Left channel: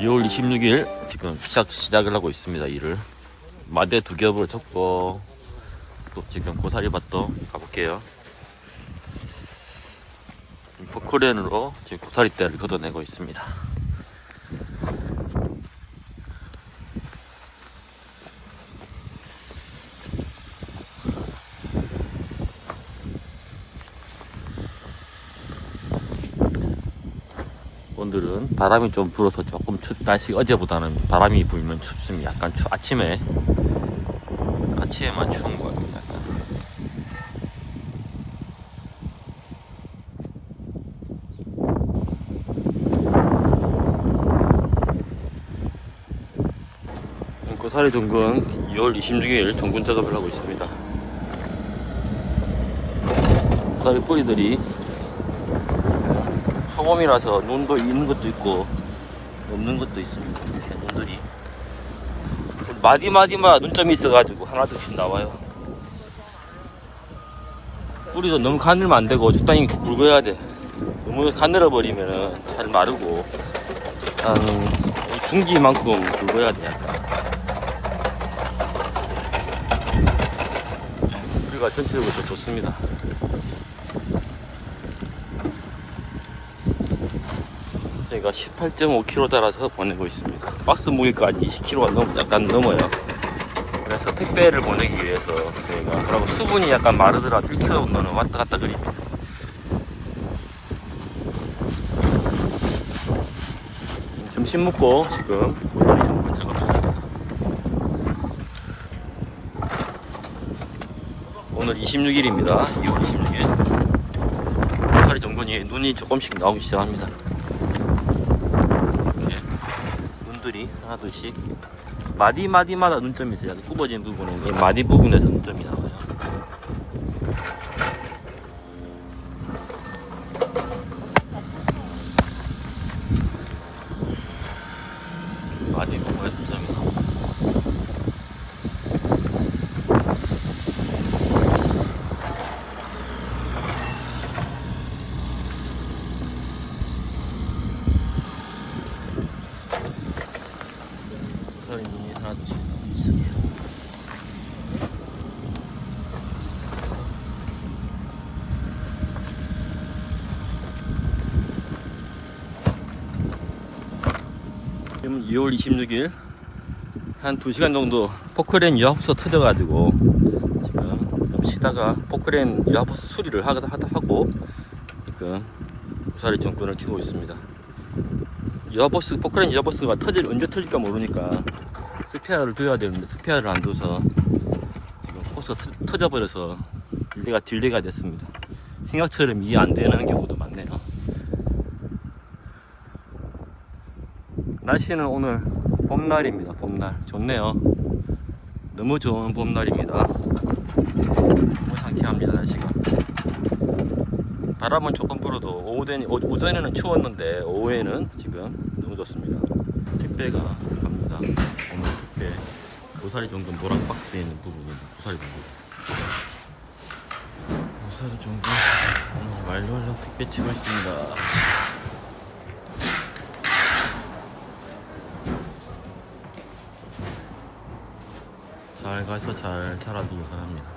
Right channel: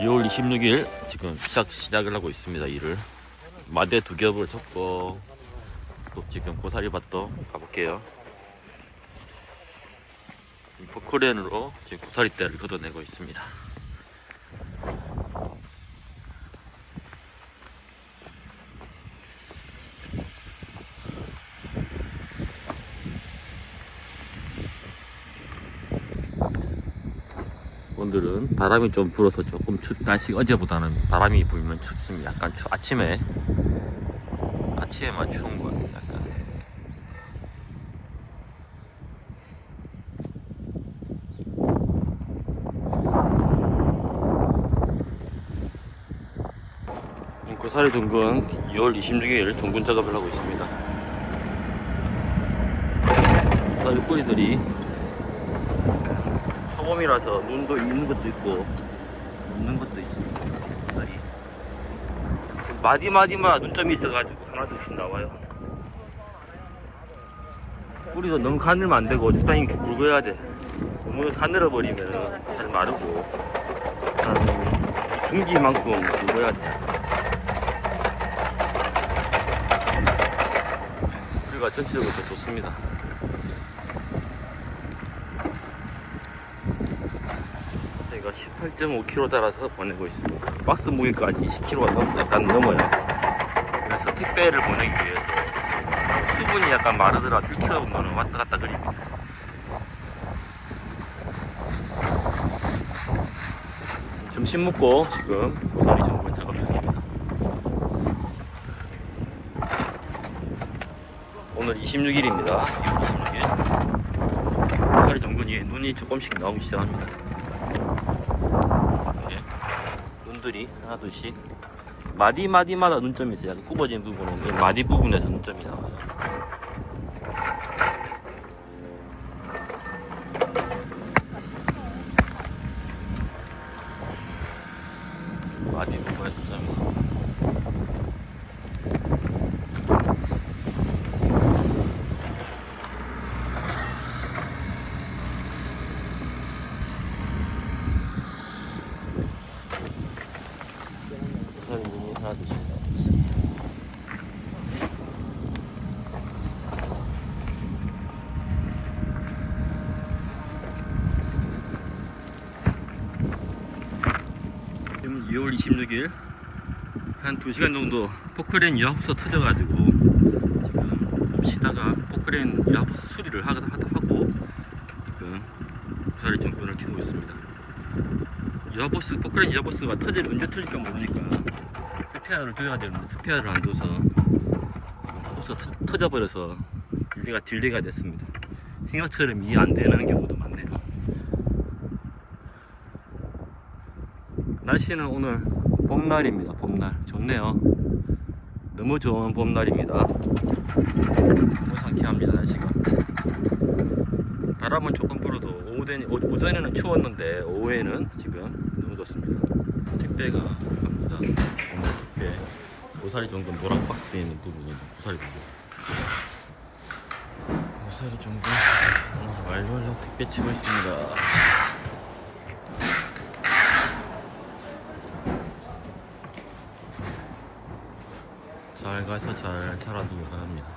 2월 26일 지금 시작 시작을 하고 있습니다 일을. 마대 두 겹을 쳤고 또 지금 고사리 밭도 가볼게요. 포크레인으로 지금 고사리 대를 걷어내고 있습니다 오늘은 바람이 좀 불어서 조금 춥, 날씨 어제보다는 바람이 불면 춥습니다. 약간 추, 아침에 아침에만 추운 것 같아요. 약간. 고사리 동근 2월 26일 동근 작업을 하고 있습니다. 고사리 뿌리들이 초 봄이라서 눈도 있는 것도 있고 없는 것도 있습니다. 이렇게 눈들이 마디 마디마다 눈점이 있어가지고 하나둘씩 나와요. 뿌리도 너무 가늘면 안 되고 적당히 굵어야 돼. 너무 가늘어 버리면 잘 마르고 한 중지만큼 굵어야 돼 약간. 뿌리가 전체적으로 더 좋습니다. 저희가 18.5kg 달아서 보내고 있습니다. 박스 무게까지 20kg가 넘, 약간 넘어요. 그래서 택배를 보내기 위해서 저희가 그리고 수분이 약간 마르더라 1kg 정도는 왔다 갔다 그립니다. 점심 먹고 지금 고사리 정분 작업 중입니다. 오늘 26일입니다. 2월 26일. 고사리 정분이 눈이 조금씩 나오기 시작합니다. 이렇게 눈들이 하나둘씩 마디 마디마다 눈점이 있어요. 굽어진 부분에 이 마디 부분에서 눈점이 나와요. 마디 부분에 눈점이 나와요. 고사리 눈이 하나 둘씩 나오고 있어요. 지금 2월 26일 한 2시간 정도 포크레인 유압수 터져가지고 지금 쉬다가 포크레인 유압수 수리를 하고 지금 고사리 정권을 켜고 있습니다. 유압버스 포크레인 유압버스가 터질 언제 터질까 모르니까 스페어를 둬야 되는데 스페어를 안 둬서 지금 코스가 터, 터져버려서 딜레가 딜레가 됐습니다. 생각처럼 이해 안 되는 경우도 많네요. 날씨는 오늘 봄날입니다. 봄날 좋네요. 너무 좋은 봄날입니다. 너무 상쾌합니다 날씨가. 바람은 조금 불어도 오전, 오- 오전에는 추웠는데 오후에는 지금 너무 좋습니다. 택배가 갑니다. 오늘 택배 고사리 정도 노랑 박스에 있는 부분이 고사리 부분. 고사리 정도 오늘 완료하려 택배 치고 있습니다. 잘 가서 잘 자라들려고 합니다.